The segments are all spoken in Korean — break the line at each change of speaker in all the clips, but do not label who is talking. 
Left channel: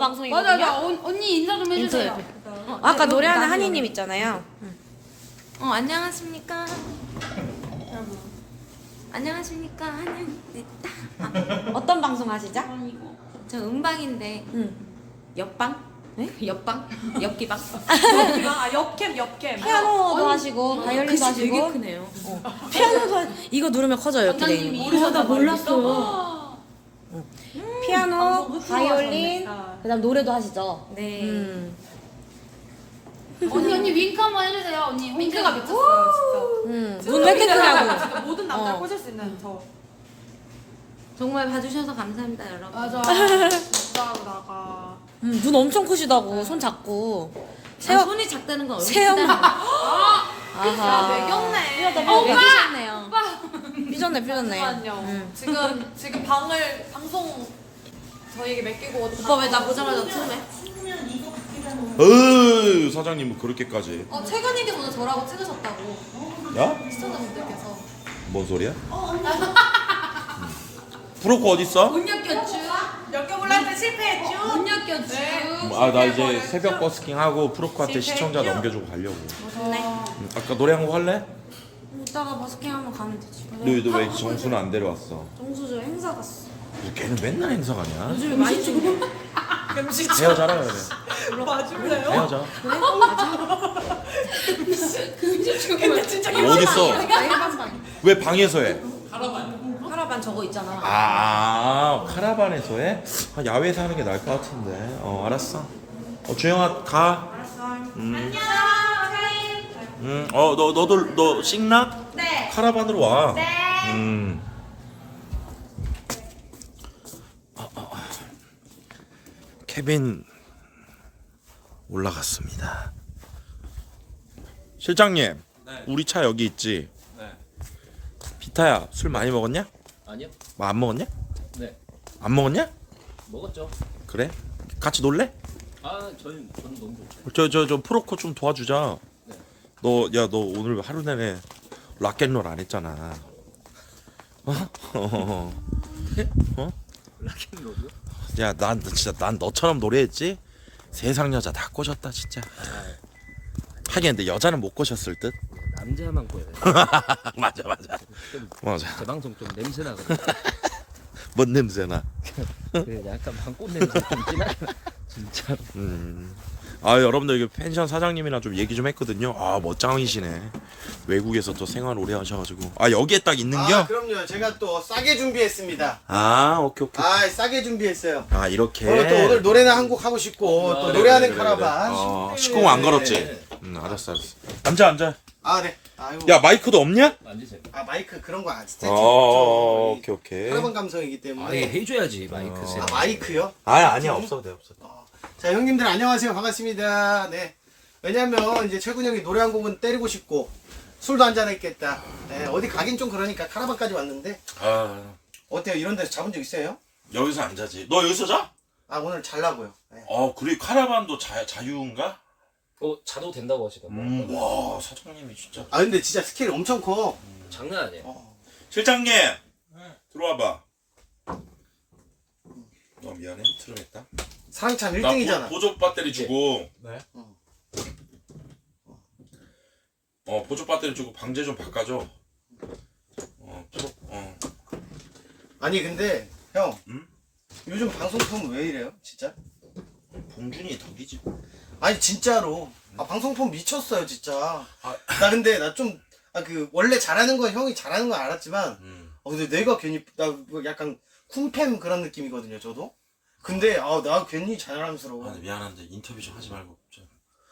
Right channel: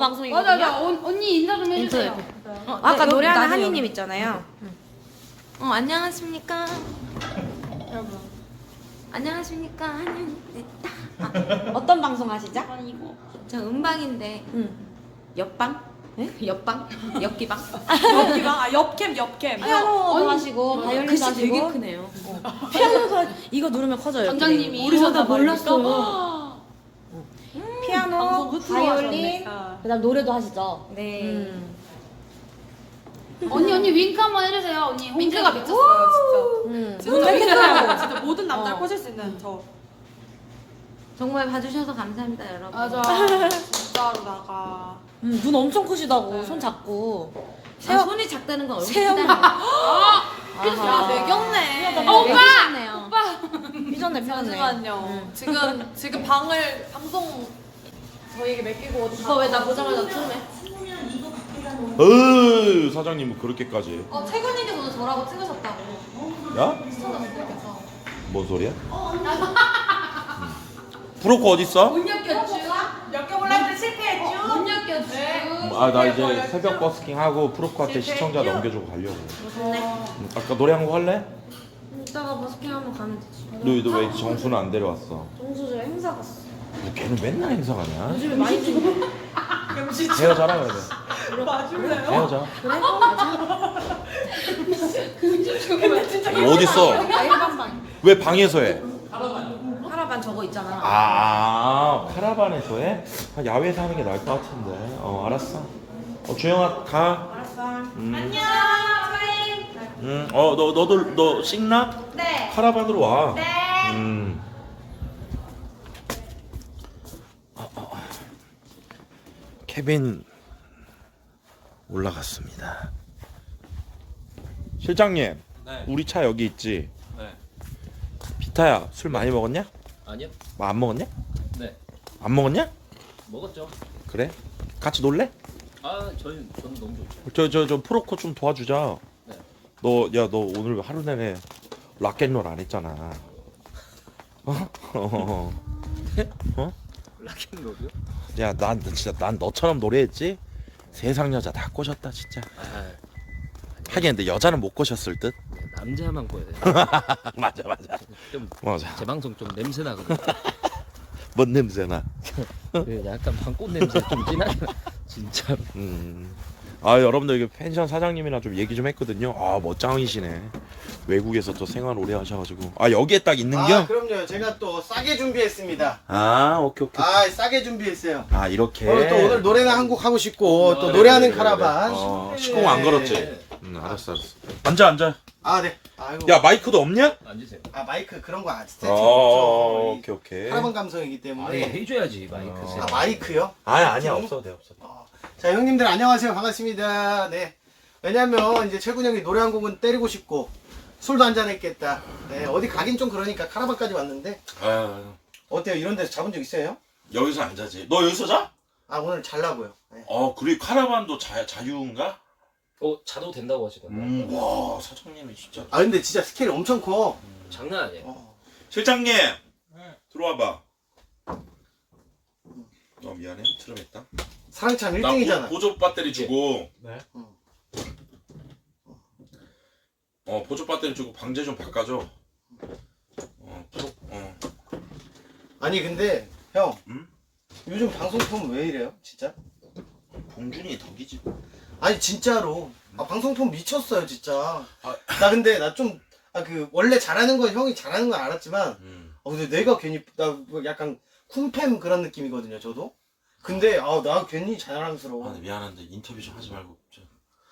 방송이거든요.
맞아, 나 언, 언니 인사 좀 해주세요.
인터넷.
아까
네,
노래하는 한이님 있잖아요.
어 안녕하십니까. 안녕하십니까 하는 네,
어떤 방송 하시죠?
저 음방인데
응.
옆방? 옆방? 옆기방?
아, 옆캠, 옆캠.
피아노도 하시고 바이올린도
글씨
하시고
되게 크네요.
피아노도 하... 이거 누르면 커져요.
원장님이.
어, 나 몰랐어요.
거. 피아노, 바이올린, 그다음 노래도 하시죠.
네.
음.
언니, 언니 윙크 한번 해주세요. 언니 윙크가 미쳤어요,
음. 눈 뺏기더라고.
진짜. 모든 남자를
어.
꼬실 수 있는 저.
정말 봐주셔서 감사합니다 여러분.
맞아. 진짜로 나가.
음, 눈 엄청 크시다고 손 잡고.
아,
세영
손이 작다는 건 얼굴이
세영-
크다는 거.
야, 매겼네.
어,
매기셨네요.
삐졌네 삐졌네.
잠깐만요.
음.
지금, 지금 방을, 방송 저희에게 맡기고
오빠 왜 나 보자마자 틀네?
으 사장님 뭐 그렇게까지
어, 최근님께서 오늘 저라고 찍으셨다고.
야?
시청자분들께서.
뭔 소리야? 음. 브로커 어딨어?
못 엮였쥬. 엮여볼라 했는데 실패했쥬. 못 엮였쥬.
아 나 이제 새벽 버스킹 하고 프로커한테 시청자 넘겨주고 가려고 음, 아까 노래 한 곡 할래?
이따가 버스킹 한번 가면 되지.
너왜 정수는 안 데려왔어?
정수 저 행사 갔어.
야, 걔는 맨날 행사 가냐?
요즘에 많이 찍고.
헤어져라 그래
맞을래요?
헤어져
근데 진짜
어딨어?
나 일반 방.
왜 방에서 해?
카라반 저거 있잖아.
아 카라반에서 해? 아, 야외에서 하는 게 나을 것 같은데 어 알았어 어 주영아 가
안녕.
음, 어, 너, 너도, 너, 싱나?
네.
카라반으로 와.
네.
음. 어, 어, 어. 케빈 올라갔습니다. 실장님,
네.
우리 차 여기 있지?
네.
비타야, 술 많이 먹었냐?
아니요.
뭐 안 먹었냐?
네.
안 먹었냐?
먹었죠.
그래? 같이 놀래?
아, 저는 저는 너무 좋죠.
저, 저, 저 프로코 좀 도와주자.
네.
너, 야, 너 오늘 하루 내내 락앤롤 안 했잖아. 어? 어? 어?
락앤롤이요?
야, 난 진짜 난 너처럼 노래했지? 세상 여자 다 꼬셨다 진짜. 하긴 근데 여자는 못 꼬셨을 듯.
남자만 꺼야 돼.
맞아, 맞아.
좀
맞아.
제 방송 좀 냄새 나거든.
뭔 냄새나?
그 약간 방꽃 냄새 좀 나. 진짜.
음. 아 여러분들 이게 펜션 사장님이랑 좀 얘기 좀 했거든요. 아 멋짱이시네. 외국에서 또 생활 오래 하셔가지고. 아 여기에 딱 있는겨?
아 그럼요. 제가 또 싸게 준비했습니다.
아 오케이 오케이.
아 싸게 준비했어요.
아 이렇게.
그리고 또 오늘 노래나 한 곡 하고 싶고 또 노래하는 카라반.
어,
네.
시공 안 걸었지? 응 알았어 알았어. 앉아 앉아.
아 네. 아이고.
야 마이크도 없냐?
앉으세요.
아 마이크 그런 거안 스태치
어,
없죠.
오케이 오케이.
카라반 감성이기 때문에.
아니 해줘야지 마이크 세.
아 마이크요?
아 아니야 없어도 돼 없어도. 돼.
자 형님들 안녕하세요 반갑습니다. 네. 왜냐면 이제 최군 형이 노래 한 곡은 때리고 싶고 술도 한잔 했겠다. 네, 어디 가긴 좀 그러니까 카라반까지 왔는데
아
어때요? 이런 데서 잡은 적 있어요?
여기서 안 자지. 너 여기서 자?
아 오늘 잘라고요. 네.
어 그리고 카라반도 자 자유인가?
어 자도 된다고 하시던데.
음, 와 사장님이 진짜.
아 근데 진짜 스케일 엄청 커.
장난 아니에요.
어.
실장님 들어와봐. 어 미안해 트름했다. 나
1등이잖아.
보, 보조 배터리 주고.
네.
어.
어 보조 배터리 주고 방제 좀 바꿔줘. 어 프로 어.
아니 근데 형
응?
요즘 방송 톤 왜 이래요 진짜
봉준이 덕이지.
아니 진짜로 아, 방송 톤 미쳤어요 진짜
아.
나 근데 나 좀 아 그 원래 잘하는 건 형이 잘하는 건 알았지만
음.
아 근데 내가 괜히 나뭐 약간 쿵팸 그런 느낌이거든요 저도 근데 아 나 괜히 자랑스러워
아 미안한데 인터뷰 좀 하지 말고. 좀.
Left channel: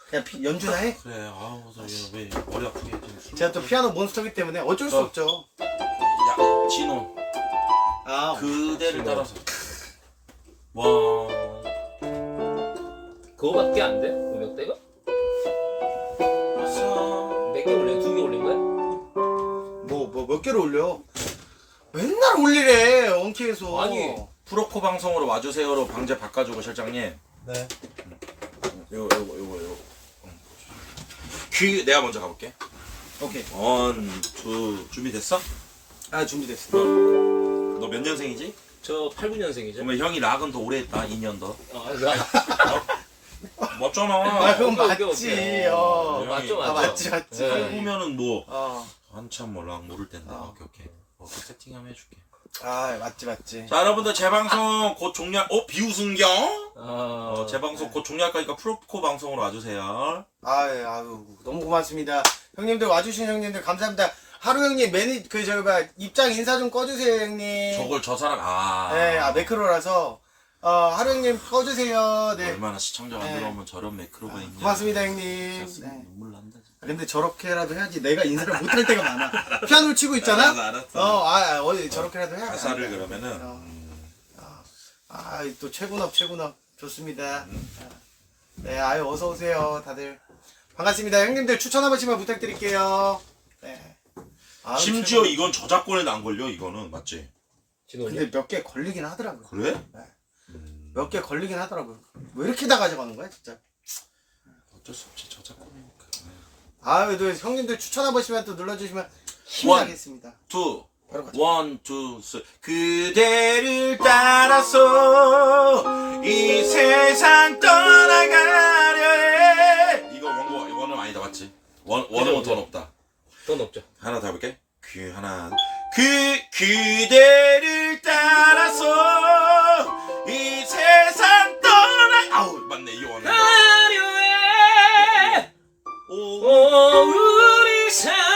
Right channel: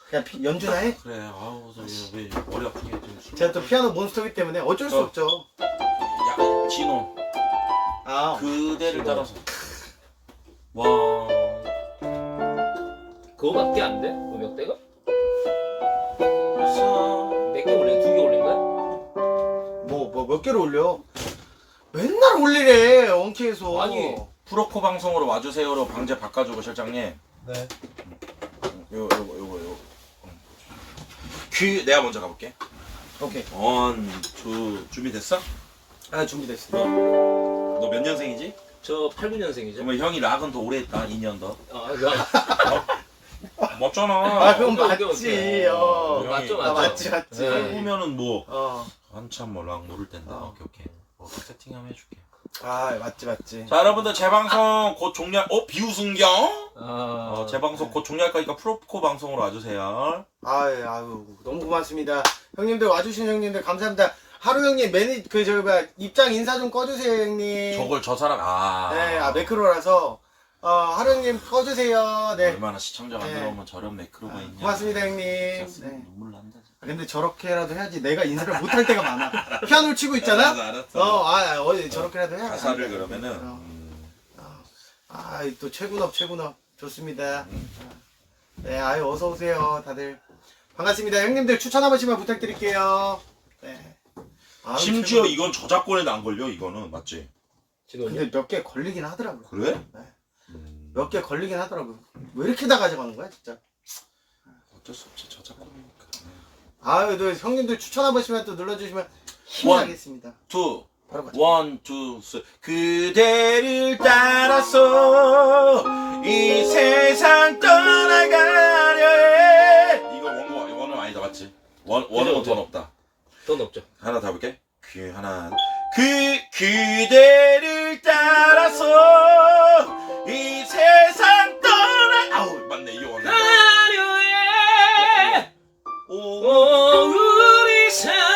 그냥 피- 연주나 해
그래 아우 저왜 머리 아프게 좀 술.
제가 또 피아노 몬스터기 때문에 어쩔 수
어.
없죠
야 진호
아
그대를 따라서. 와.
그거밖에 안 돼? 몇 대가?
벌써.
몇 개 올린? 두개 올린 거야?
뭐 뭐 몇 개를 올려 맨날 올리래 원키에서
아니.
프로코 방송으로 와주세요로 방제 바꿔주고 실장님.
네
요거 요거 요거 요거. 귀 내가 먼저 가볼게.
오케이
원, 투 준비됐어?
아 준비됐어
너 몇 년생이지?
저 8, 9년생이죠.
그러면 형이 락은 더 오래 했다 2년 더
아, 나
맞잖아
아 그건
오케이, 오케이,
맞지.
오케이.
어.
맞죠,
아
맞죠.
맞지 맞지.
네.
보면은 뭐
어.
한참 뭐락 모를 텐데
어.
오케이 오케이 어, 그 세팅하면 해줄게
아 맞지 맞지.
자 여러분들 재방송 곧 종료 어 비우승경
아,
어, 재방송 곧 종료할 거니까 프로코 방송으로 와주세요
아유 아유 너무 고맙습니다. 형님들 와주신 형님들 감사합니다. 하루 형님 매니 그 저기 봐 입장 인사 좀 꺼주세요 형님.
저걸 저 사람 아
네, 아 매크로라서 어 하루 형님 꺼주세요. 네.
얼마나 시청자
네.
만들어 오면 저런 매크로가
아,
있냐
고맙습니다 형님.
진짜
네.
눈물 난다.
근데 저렇게라도 해야지 내가 인사를 못할 때가 많아. 피아노를 치고 있잖아.
알았어, 알았어.
어, 아, 어디 저렇게라도 해야
가사를 그러면은
어.
음,
아, 또 최군업 최군업 좋습니다.
음.
아, 네, 아유 어서 오세요, 다들 반갑습니다. 형님들 추천 한 번씩만 부탁드릴게요. 네. 아유,
심지어
최고.
이건 저작권에도 안 걸려 이거는 맞지?
지금
근데 몇 개 걸리긴 하더라고요.
그래?
네.
음,
몇 개 걸리긴 하더라고요. 왜 이렇게 다 가져가는 거야, 진짜?
어쩔 수 없지 저작권이니까 네.
아유, 또 형님들 추천 한 번씩만 또 눌러주시면
원.
나겠습니다.
투
바로 가자.
원, 투, 쓰 그대를 따라서 이 세상 떠나가려 해 이거 원고 원은 아니다 맞지? 원, 원은 더 높다
더 높죠.
하나 더 해볼게 그 하나 그 그대를 따라서 이 세상 떠나 아우 맞네 이 원은
오오 우리 사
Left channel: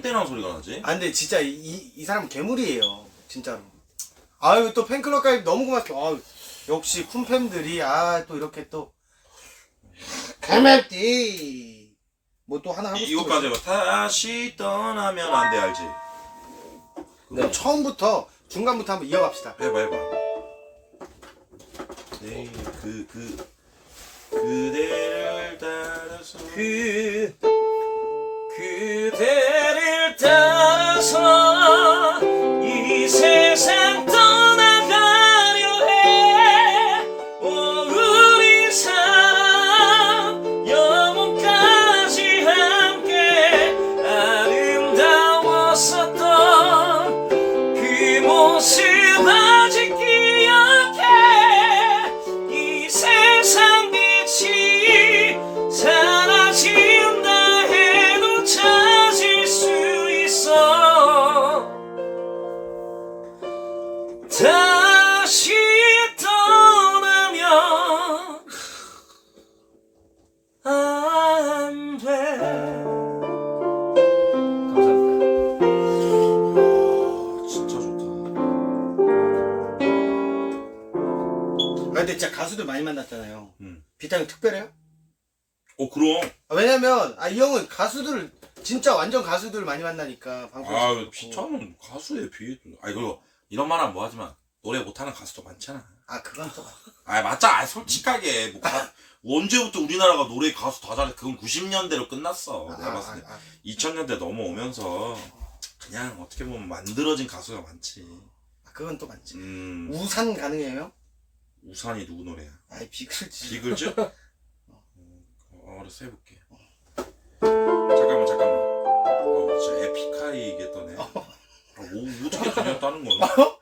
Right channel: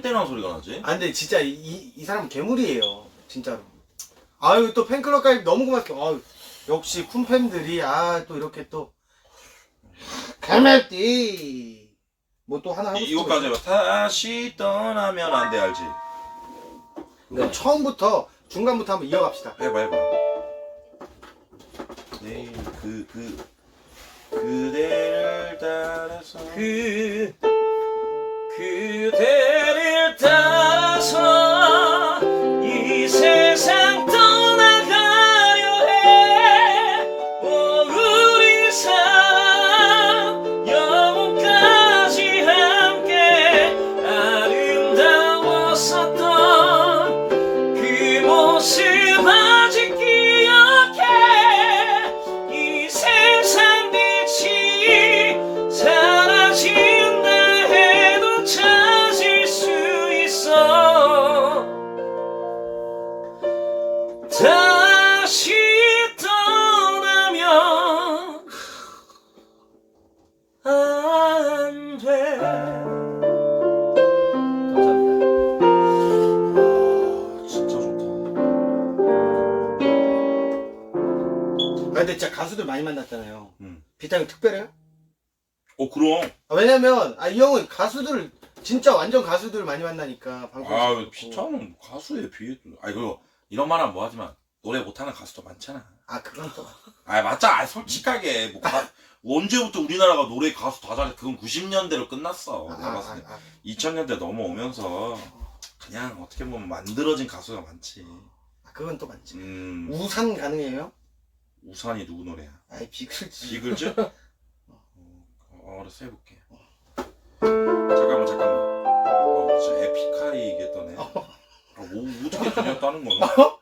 뗀뗀한 소리가 나지?
아 근데 진짜 이, 이, 이 사람은 괴물이에요 진짜로. 아유 또 팬클럽 가입 너무 고맙습니다. 아유 역시 쿤팸들이 아 또 이렇게 또. 가멜띠. 뭐 또 하나 하고 싶은 거
이거까지? 해봐. 다시 떠나면 안 돼 알지?
그럼 처음부터 중간부터 한번 이어갑시다.
해봐 해봐. 네, 그, 그 그대를 따라서
그 그대를 따
많이 만났잖아요.
음.
비타민 특별해요?
어 그럼.
아, 왜냐면 아, 이 형은 가수들 진짜 완전 가수들 많이 만나니까 방송
아 피차는 가수에 비해 아니 그리고 이런 말 하면 뭐하지만 노래 못하는 가수도 많잖아.
아 그건 또.
아 맞자 아, 솔직하게. 뭐 가, 언제부터 우리나라가 노래 가수 다 잘해. 그건 90년대로 끝났어.
아,
내가
아,
봤을 때.
아, 아.
2000년대 넘어오면서 그냥 어떻게 보면 만들어진 가수가 많지.
아, 그건 또 많지.
음.
우산 가능해요?
우산이 누구 노래야?
아이 비글지
비글즈? 어, 알았어 해볼게. 잠깐만 잠깐만. 어 진짜 에픽하이겠다네. 아, 오, 어떻게 들렸다는 거야?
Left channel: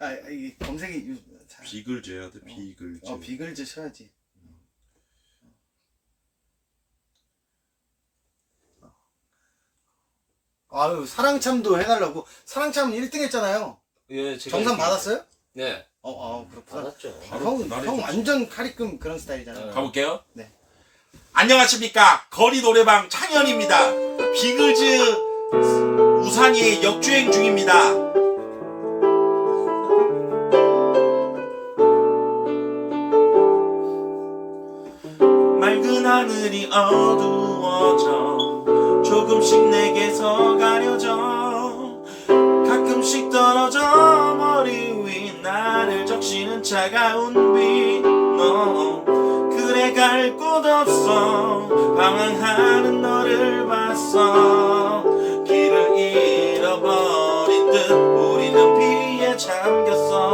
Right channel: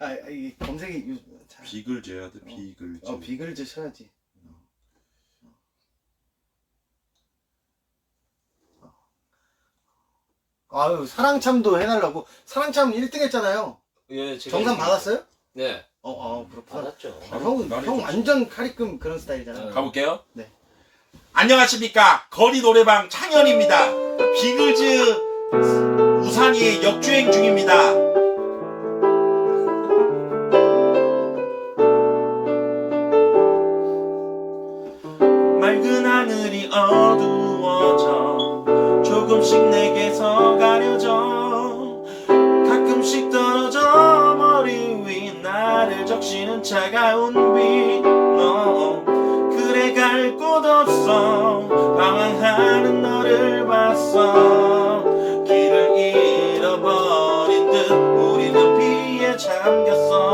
아, 아, 이 검색이 요즘 잘-
비글즈 해야 돼 비글즈.
어 비글즈 쳐야지. 아유 사랑참도 해달라고? 사랑참 1등 했잖아요.
예, 제가
정산
이렇게-
받았어요?
네
어, 어 그렇구나.
받았죠
아,
바로
형,
그날이
형
좋지.
완전 카리끔 그런 스타일이잖아.
네.
가볼게요
네.
안녕하십니까 거리 노래방 창현입니다 비글즈 우산이 역주행 중입니다 담겼어.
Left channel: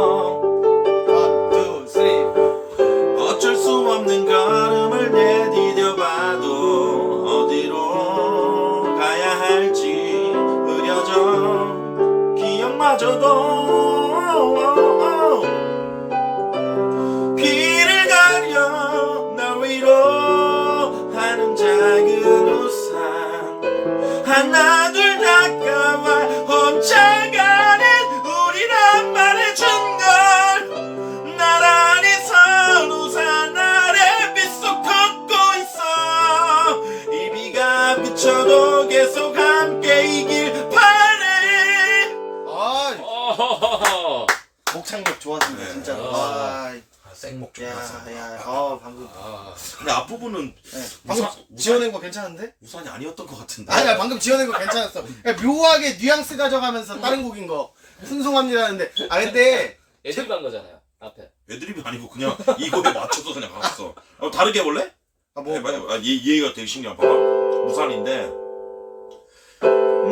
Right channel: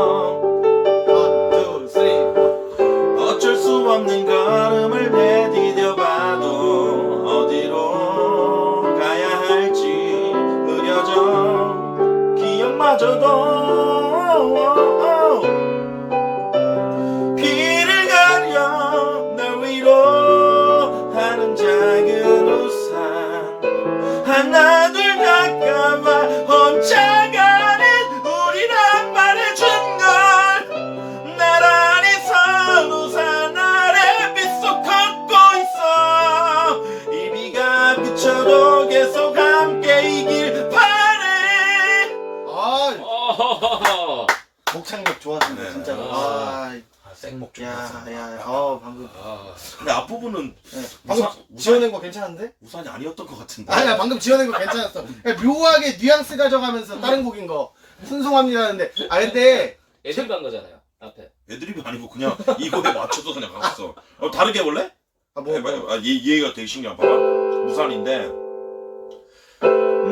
좋았습니다
네.
진짜로.
아.
아,
아, 생목
야,
좋았어
야, 어 방금.
아.
근데 앞부분은
네. 방금
우산- 우산-
지어낸 거 괜찮은데?
우산이 아니었던 것 같은데
아니야 방금 지어낸 거 괜찮았어. 그냥 묘하게 뉘앙스 가져가면서 다른 곡인 거 순송합니다는데 아 근데
애드립 한 거잖아요. 앞에.
애드립이 아니고 그냥 이거에 맞춰서 그냥 갔어 어, 다르게 해볼래?
아뭐
해봐요. 아, 얘, 얘가 되게 신기한 봐봐 우산인데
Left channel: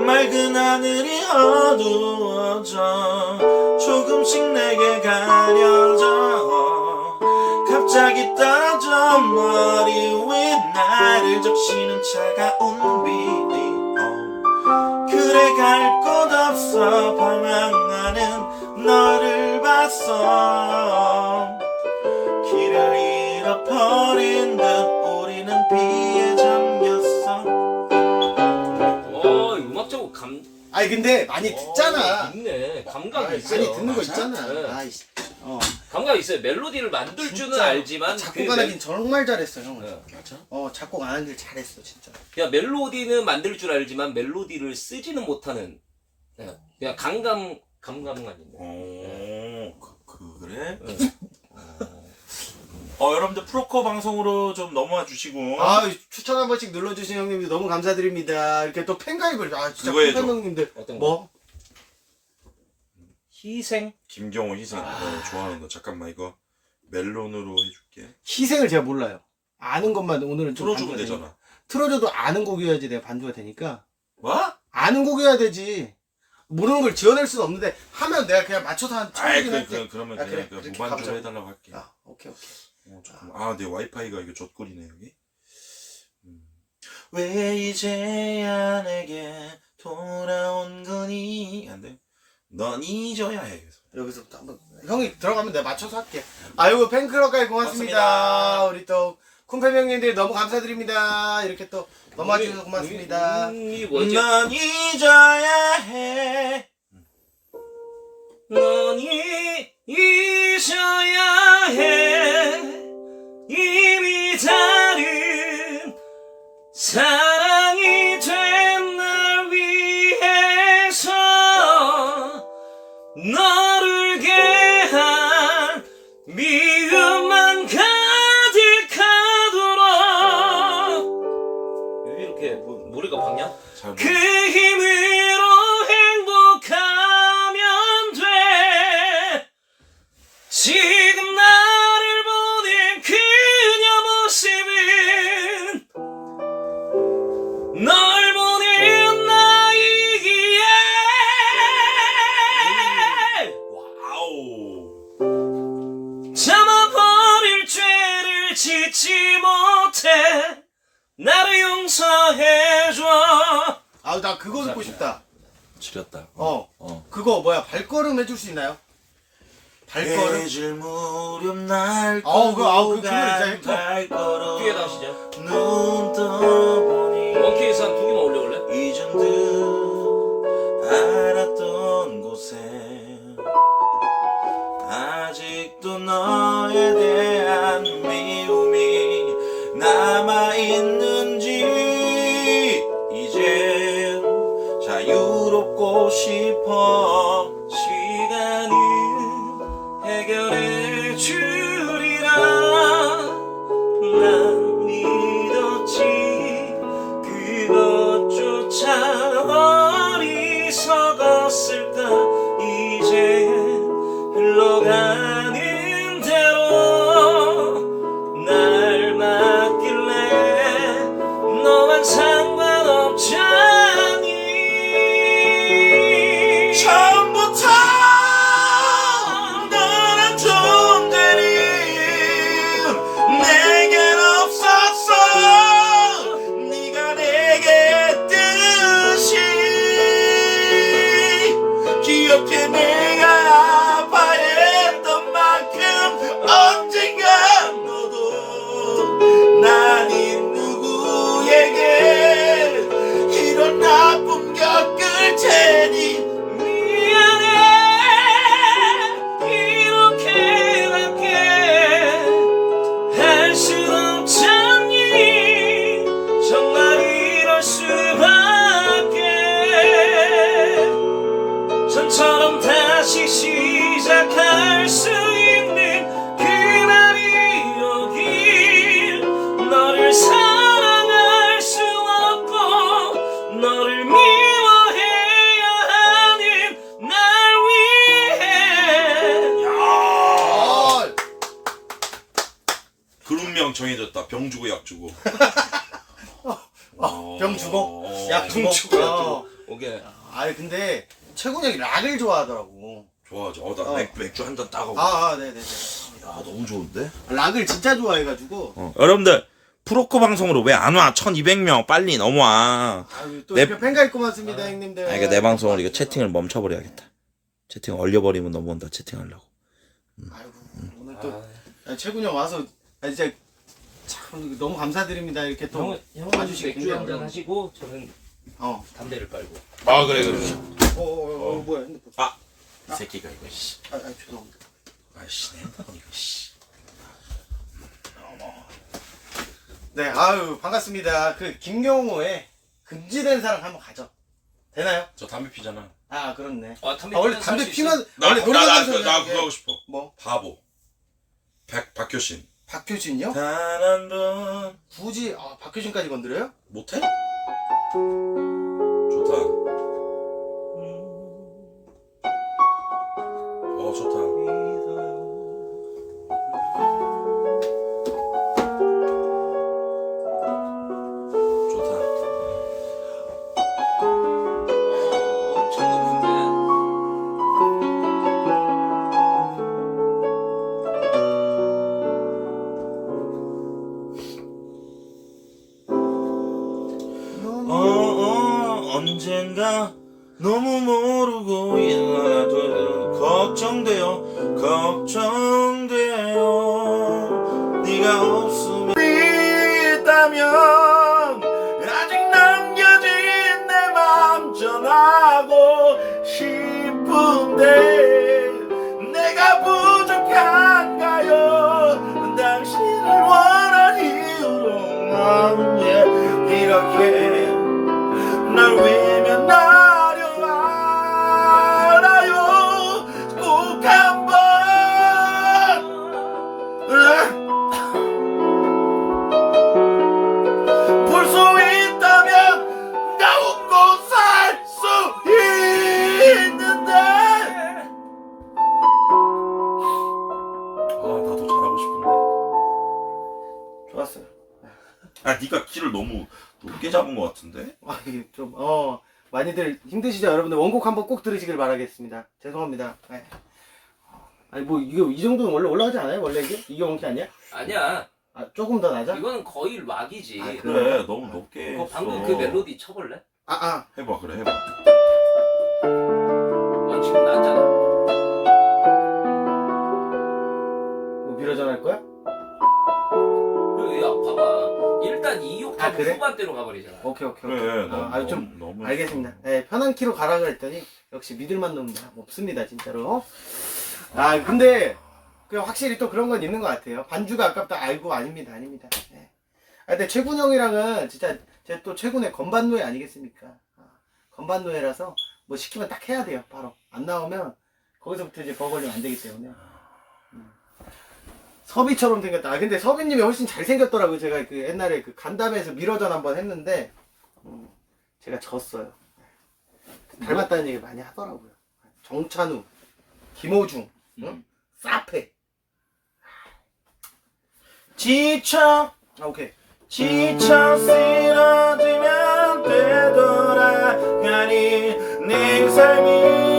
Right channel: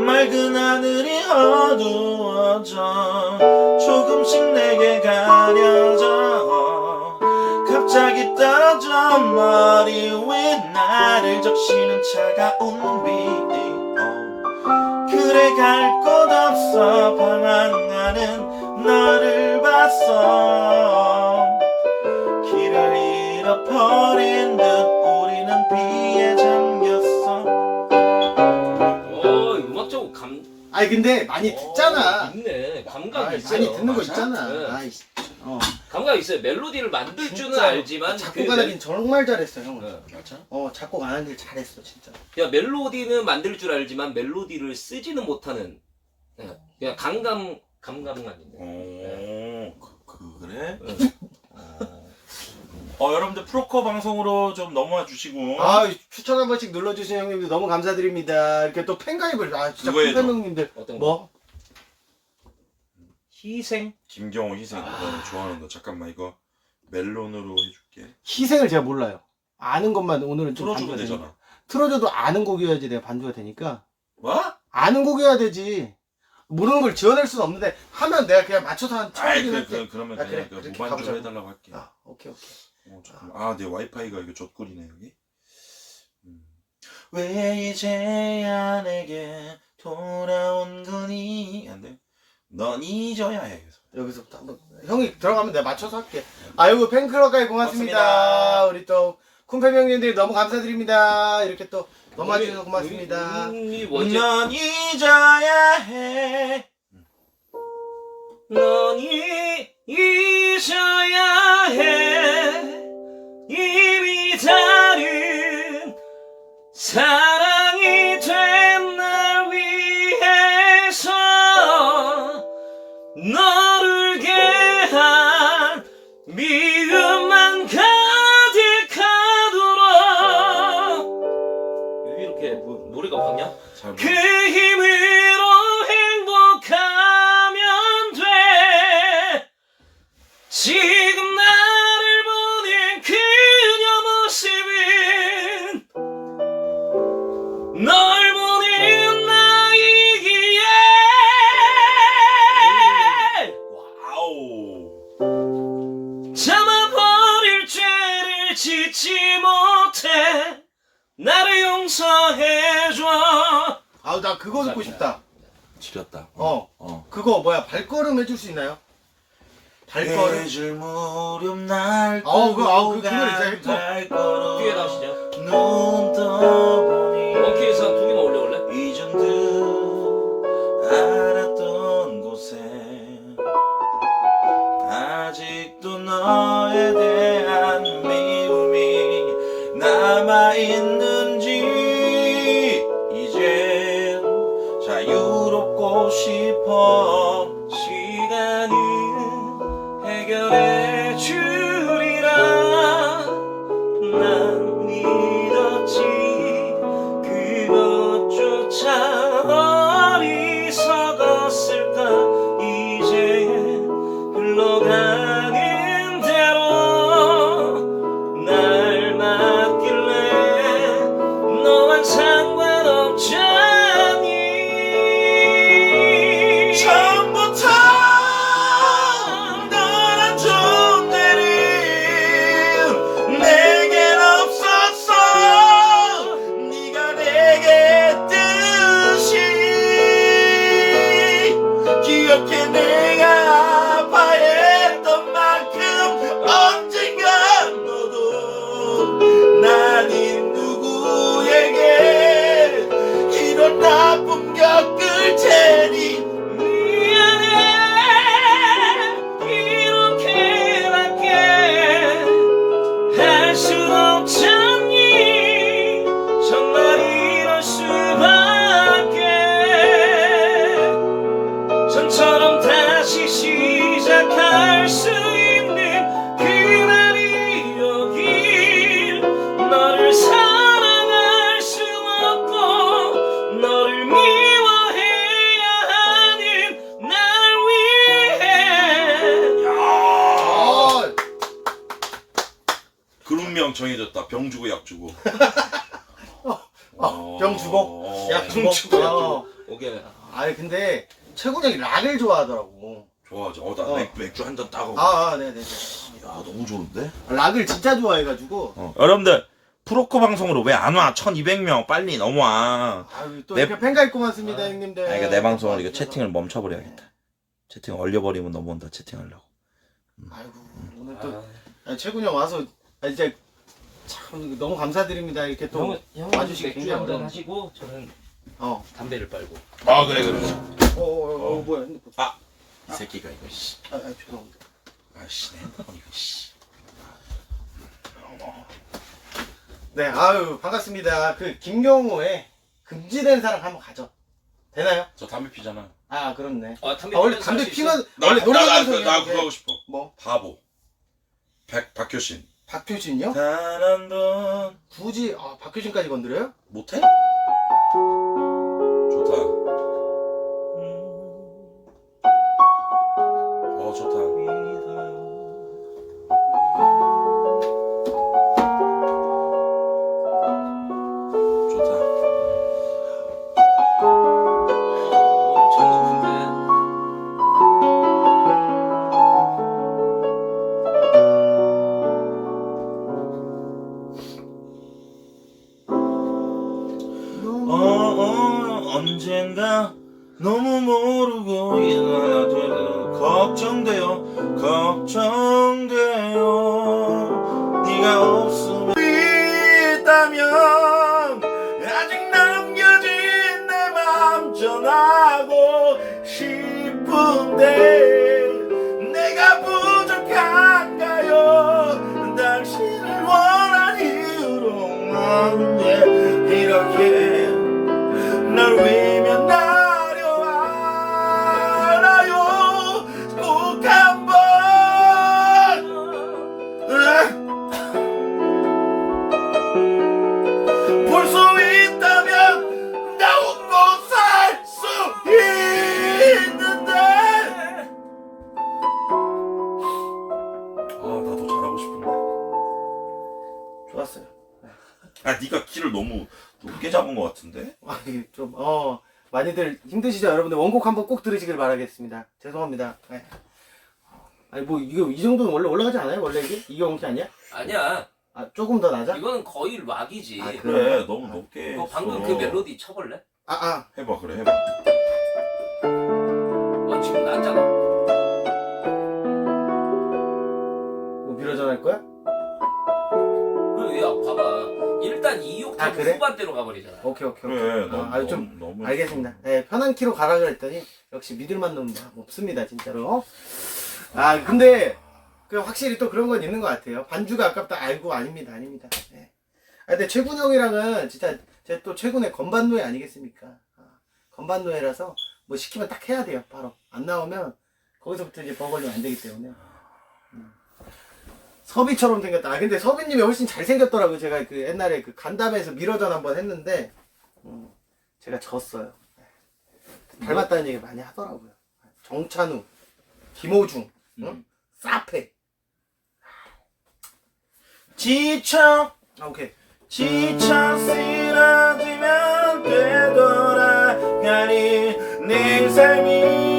맑은 하늘이 어두워 져. 조금씩 내게 가려져. 갑자기 떨어져. 머리 위에 나를 적시는 차가운 비 어. 그래 갈 곳 없어. 방황하는 너를 봤어. 길을 잃어버린 듯 우리는 비에 잠겼어.
어, 음악적으로 감.
아니 근데 많이
어,
듣잖아.
있네. 감각이
아이,
있어요.
많이 듣는 거
맞아?
있잖아.
네.
아이씨. 어.
감각이 있어요. 멜로디를 만들 줄은
진짜
알지만
작곡
그
하긴 정말 잘했어 형은.
네.
맞아?
어 작곡 안 하길 잘했어 진짜.
그냥 멜로디는 만들 줄 알지만 멜로디를 쓰지는 못하는 네. 그냥 감감 감감만 있네.
어 그, 그래?
네. 어,
어 여러분들 프로커 방송으로 좀 넘어와 주시고
아 추천 한 번씩 눌러주신 형님들 너무 감사드립니다. 이렇게 또 팬가입을 아 진짜
그거 해줘.
팬 형님들
어떤 거?
뭐?
희생?
김경호 희생 어, 좋아하는 거 잠깐만 이거 멜론으로 해줄게
희생을 제가 몰라요. 아는 것만 오늘은 좀
틀어주면
반주가 되니까.
되잖아
틀어줘도 아는 곡이어야지 내가 반주가 되니까.
뭐?
아는 곡이어야 되지. 모르는 걸 지어낼 수는 없는데 하면 내가 그냥 맞춰서 한
아이
쳐주긴
그,
할게.
그, 그러면
아,
그냥
그래,
그
그렇게
무반주로
가보자고.
해달라고 할게
아 오케이 오케이.
어, 잠깐만. 아, 내 와이파이가 이거 젖꿀이네, 여기. 음. 왜 이제야 내게 돌아온 거니? 안 돼. 넌 잊어야 해. 그래서.
여기서부터 한번 형이 들어가면 내가 맞춰서 할게. 아이고 팬클럽까지 고맙습니다.
고맙습니다.
우리 또 쿤팬 형님들 너무 감사드립니다. 이렇게 또 넘어와 주셔서 고맙습니다.
이 뭐지?
넌 잊어야 해.
너니 잊어야 해. 이미 다른 사랑이 된 날 위해서 너를 개한 미움만 가득하도록. 왜 이렇게 뭐, 노래가 박냐? 잘그 힘으
아우 나 그거 듣고 싶다.
지렸다.
어
어.
그거 뭐야 발걸음 해줄 수 있나요? 발걸음.
해질 무렵 날
아우, 그- 아우, 그- 그거 진짜
간
예뻐.
발걸음
뒤에 나오시죠
눈 떠보니
원키에서 두
정해졌다. 병 주고 약 주고.
어, 병 주고
어,
약병 주고 약
어.
주고. 오케이.
아 근데 최군 형이 락을 좋아하더라고.
좋아하죠. 어, 나
어.
맥, 맥주 한 잔 따고.
아, 아 네네네.
야, 너무 좋은데?
락을 진짜 좋아해가지고.
어. 여러분들 프로코 방송으로 왜 안 와? 1200명 빨리 넘어와.
아유 또
내-
이렇게 팬가입 고맙습니다 형님들.
아, 그러니까 내 방송을 이거 채팅을 멈춰버려야겠다. 채팅 얼려버리면 넘어온다. 채팅하려고.
아이고 오늘 또
아,
아, 최군 형 와서 아, 진짜 참 너무 감사드립니다 이렇게 또.
형은 형은
와주시기
맥주
굉장히
한잔
어려워.
하시고 저는
어.
담배를 빨고.
아 그래 그래.
어, 어, 어, 어 뭐야 핸드폰.
아, 이 새끼가 이거 씨.
아, 아 죄송합니다.
아씨 내 핸드폰 이거 씨.
네, 아유 반갑습니다. 그 김경호의 금지된 사랑 한번 가죠. 되나요?
저 담배 피잖아.
아 그렇네.
아 담배
아, 원래 담배 피면
나,
원래
나,
노래
나, 나,
방송이
나 그거 하고 싶어.
뭐
바보. 백 박효신.
박효신이요?
단 한 번
굳이 아, 박효신까지 건드려요?
못해? 언젠가 너무 모르고 일어나 되려 걱정돼요. 걱정돼 잡은 것 같은데
아, 이게 좀, 어, 많이들 힘드시죠? 여러분들 원곡 한번 꼭 들으시길 바라겠습니다. 죄송합니다. 네. 아니, 뭐, 이거, 이 정도는 원래 올라가지 않아요? 원래 이게? 이게 원키 아니야?
아니야.
아, 조금 더 낮아?
이거는 거의 락이지.
아, 그래?
그래 너무 높게
이거 방금
했어.
그 멜로디 쳐볼래?
아, 아,
해봐 그래 해봐
아, 그래? 후반대로 가버리잖아.
오케이, 오케이, 오케이.
그래
아,
너무
좀,
너무, 너무
알겠습니다. 네, 편한 키로 가라 그랬더니, 역시 믿을만 놈 없습니다, 진짜로. 아, 근데, 그 확실히 또 그런 건 있는 것 같아요. 반주가 아깝다, 알고, 아닙니다, 아닙니다. 네. 아, 근데 최군 형이랑은 진짜, 제 또 최군의 건반노예 아니겠습니까? 아, 건반노예라서, 뭐 시키면 딱 해야 돼요, 바로. 안 나오면, 거기서부터 이제 버거리면 안 되기 때문에. 음. 서비처럼 생겼다. 아, 근데 서비님이 훨씬 잘생겼더라고요. 제가 그 옛날에 그 간담회에서 미러전 한번 했는데, 음, 제가 졌어요. 닮았다는 얘기 많이 하더라고요. 정찬우, 김호중, 응? 사페.
지쳐
아, 오케이.
지쳐 쓰러지면 되돌아가니 내 삶이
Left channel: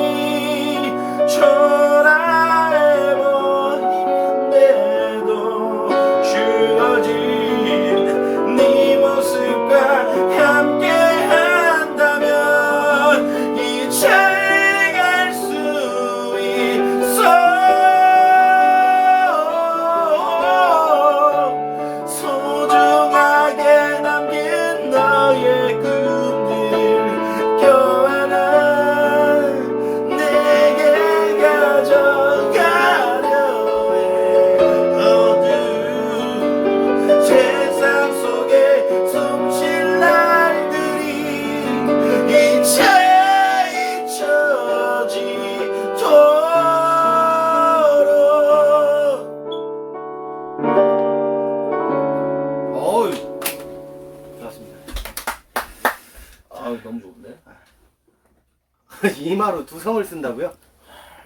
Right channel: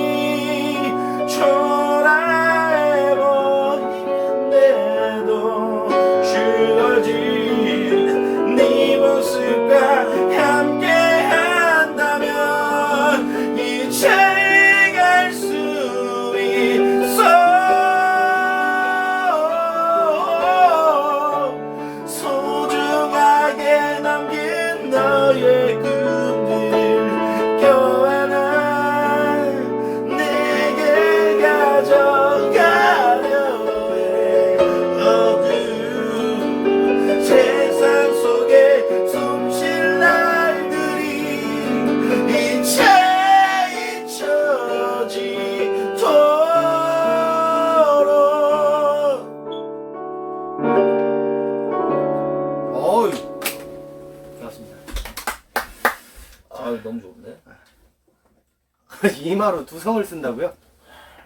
이마로 두 성을 쓴다고요?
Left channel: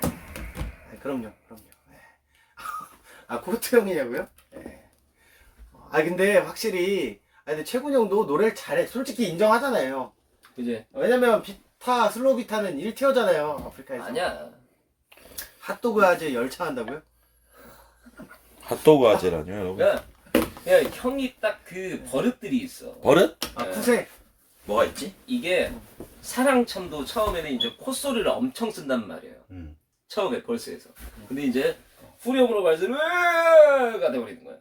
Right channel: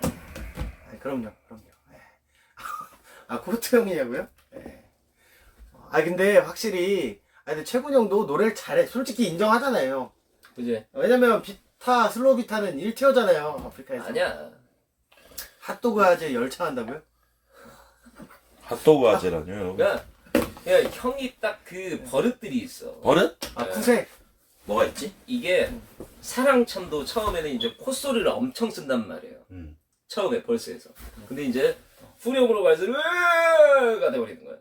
네, 그럼요, 그럼요. 네. 아, 코트 형이냐고요? 네. 아, 아 근데 확실히 아 근데 최군 형도 노래를 잘해. 솔직히 인정하잖아요.
그지?
왜냐면 비타 슬로비타는 1티어잖아요 아프리카에서.
아니야.
핫도그 아재 열창한다고요?
핫도그 아재라뇨 여러분.
야, 야 형이 딱 그 버릇들이 있어.
버릇?
아
네.
쿠세.
뭐가 있지?
이게 사랑첨도 처음에는 이제 콧소리를 엄청 쓴단 말이에요.
음.
처음에 벌스에서. 근데 이제 후렴으로 갈수록 으가 돼버리는 거야.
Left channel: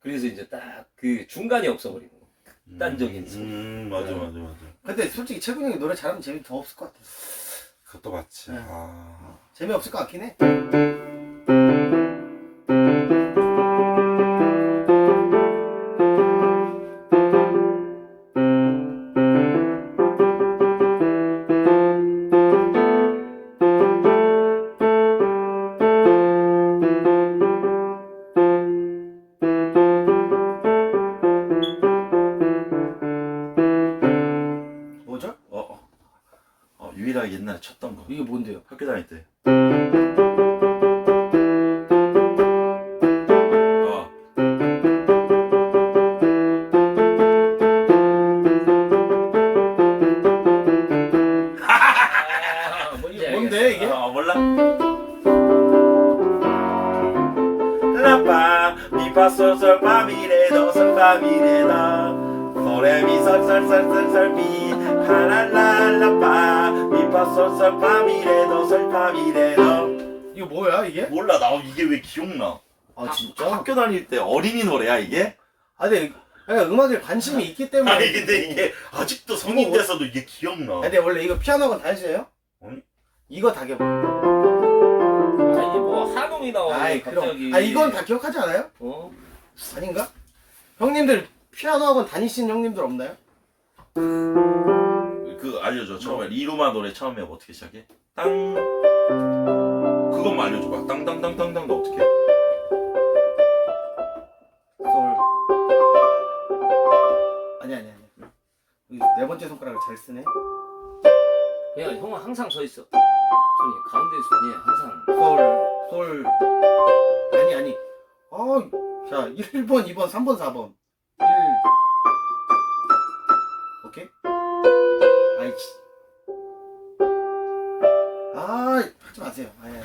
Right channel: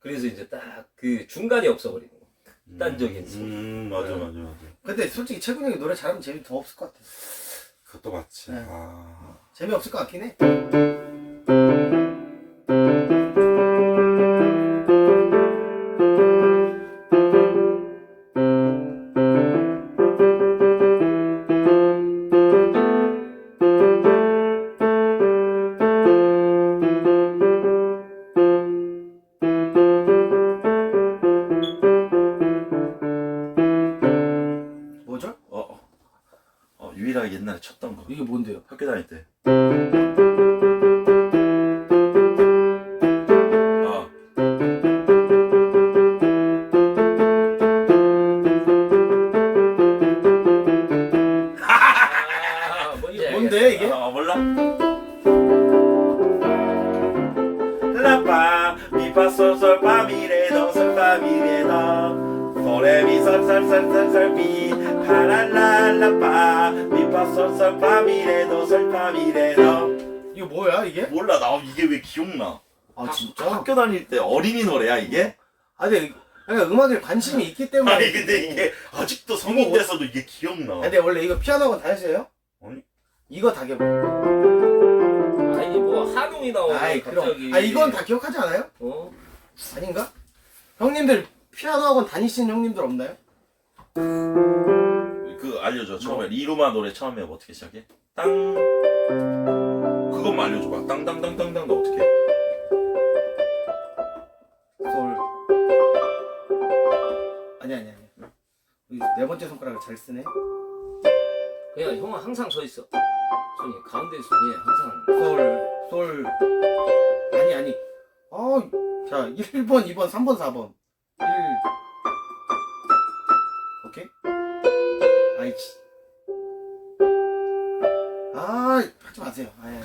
그래서 이제 딱 그 중간이 없어버리는 거야. 딴적인 소리.
음 맞아 맞아 맞아.
근데 솔직히 최군 형이 노래 잘하면 재미 더 없을 것 같아.
그것도 맞지.
네.
아.
재미 없을 것 같긴 해.
도레미솔솔솔솔솔미 파랄랄라파 미파솔솔 파미레도 솔파미레도
이거 뭐야 이게?
몰라 나 이게 왜 기억나
아 진짜?
학교 다닐 때 어린이 노래야 이게?
아 근데 그러니까 음악에 관심이 있기 때문에
아니 근데 이게 아직도 성인
이거
돼서도 이게 기억나
아, 근데 원래 이거 피아노 학원 다녔어요?
아니.
이거 다 기억
아니 뭐 한웅이 나오고
아이 그럼
갑자기.
아 이건 다 기억하지 않아요?
어?
아닌가? 형님들 피아노 학원 다니신 형님들 없나요?
그 알려줘. 처음에 리루마 노래 처음에 어떻게 시작해? 땅. 그것만 알려줘봐. 땅땅땅땅땅 너 어떻게 해?
솔 아니 아니 아니. 이네 번째 손가락을 잘 쓰네.
그냥 형은 항상 서 있어. 저기 가운데 손이 항상.
솔, 솔 아니 아니. 어 자 1번 2번 3번 4번. 1 오케이 아이치. 아 하지 마세요. 예.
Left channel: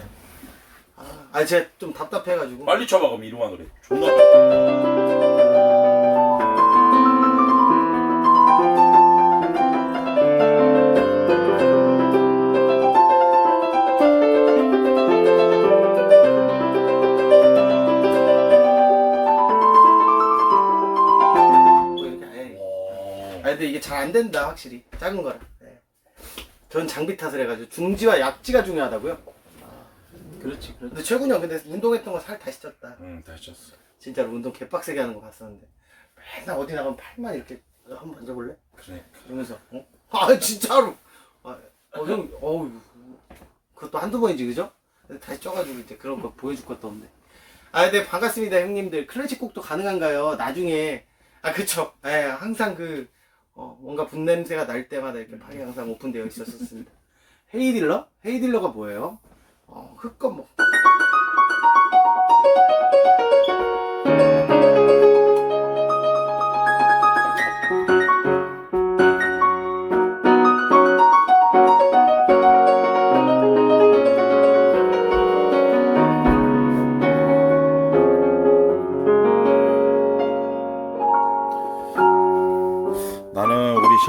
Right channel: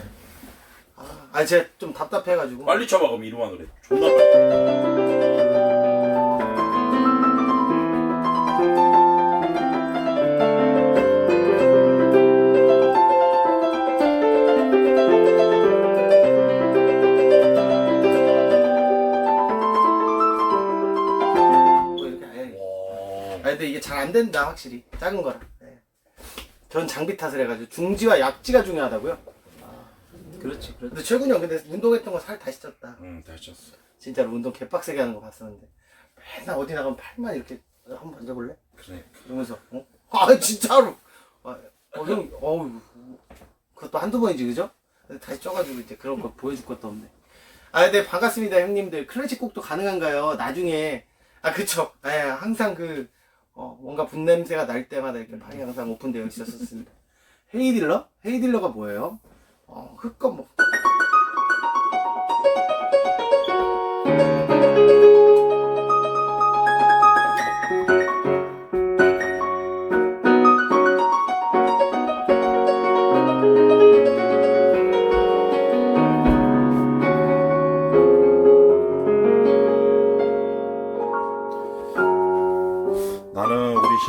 아, 아 제가 좀 답답해가지고.
빨리 쳐봐 그럼 노래. 존나 빨리
안 된다 확실히 작은 거라 예. 전 장비 탓을 해가지고 중지와 약지가 중요하다고요
그렇지, 그렇지.
근데 최군이 형 근데 운동했던 거 살 다시 쪘다
응 다시 쳤어
진짜로 운동 개빡세게 하는 거 봤었는데 맨날 어디 나가면 팔만 이렇게 한번 만져볼래?
그래
이러면서 어? 아 진짜로 아, 어, 형 어우 그것도 한두 번이지 그죠? 근데 다시 쪄가지고 이제 그런 거 보여줄 것도 없네 아 근데 반갑습니다 형님들 클래식 곡도 가능한가요? 나중에 아 그쵸 예 항상 그 어, 뭔가 분냄새가 날 때마다 이렇게 방이 항상 오픈되어 있었습니다 헤이딜러? 헤이딜러가 뭐예요? 어 흑검 뭐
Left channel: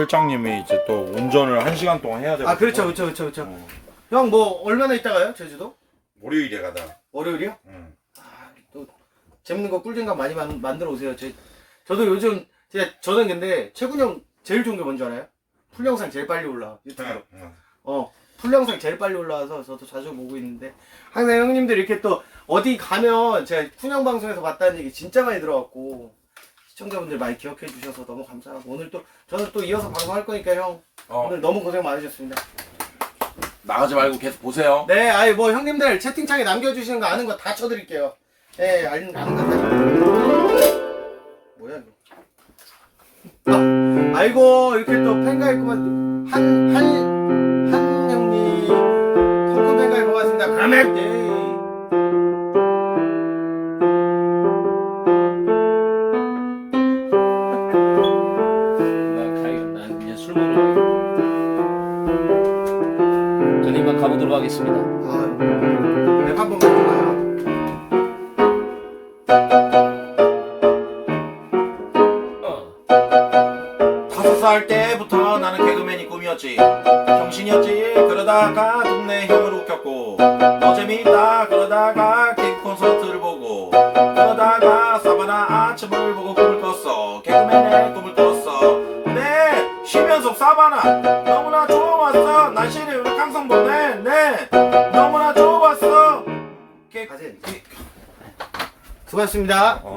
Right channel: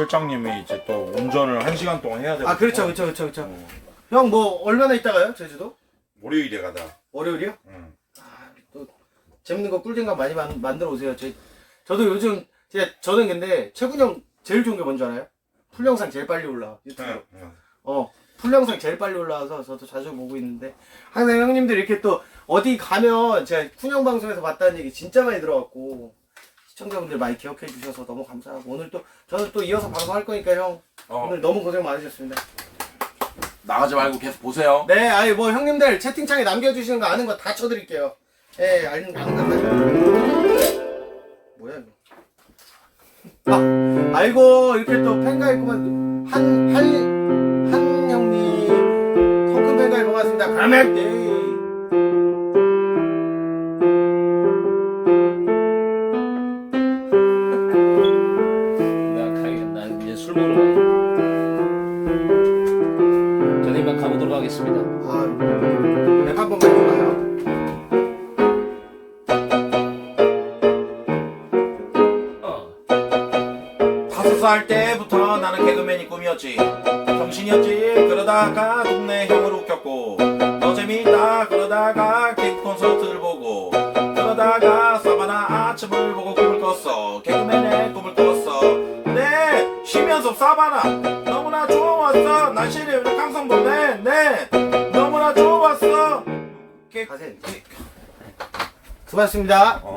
실장님이 이제 또 운전을 한 시간 동안 해야 돼.
아 그렇죠 그렇죠 그렇죠 그렇죠
어,
형 뭐 얼마나 있다가요 제주도?
월요일에 가다.
월요일이요?
응.
아, 또 재밌는 거 꿀잼감 많이 만, 만들어 오세요. 제, 저도 요즘 제가 저는 근데 최군 형 제일 좋은 게 뭔지 알아요? 풀 영상 제일 빨리 올라 유튜브로.
응.
어, 풀 영상 제일 빨리 올라와서 저도 자주 보고 있는데 항상 형님들 이렇게 또 어디 가면 제가 쿤형 방송에서 봤다는 얘기 진짜 많이 들어왔고 시청자분들 많이 기억해 주셔서 너무 감사하고 오늘 또 저는 또 이어서 방송할 거니까 형
어,
오늘 너무 고생 많으셨습니다.
나가지 말고 계속 보세요.
네, 아이 뭐 형님들 채팅창에 남겨주시는 거 아는 거 다 쳐드릴게요. 예, 아는 아는 거 다. 뭐야 이거? 아, 아이고 이렇게 또 팬가 있구만 한한 한 형님 토큰 팬가 고맙습니다. 가맥 예. 아,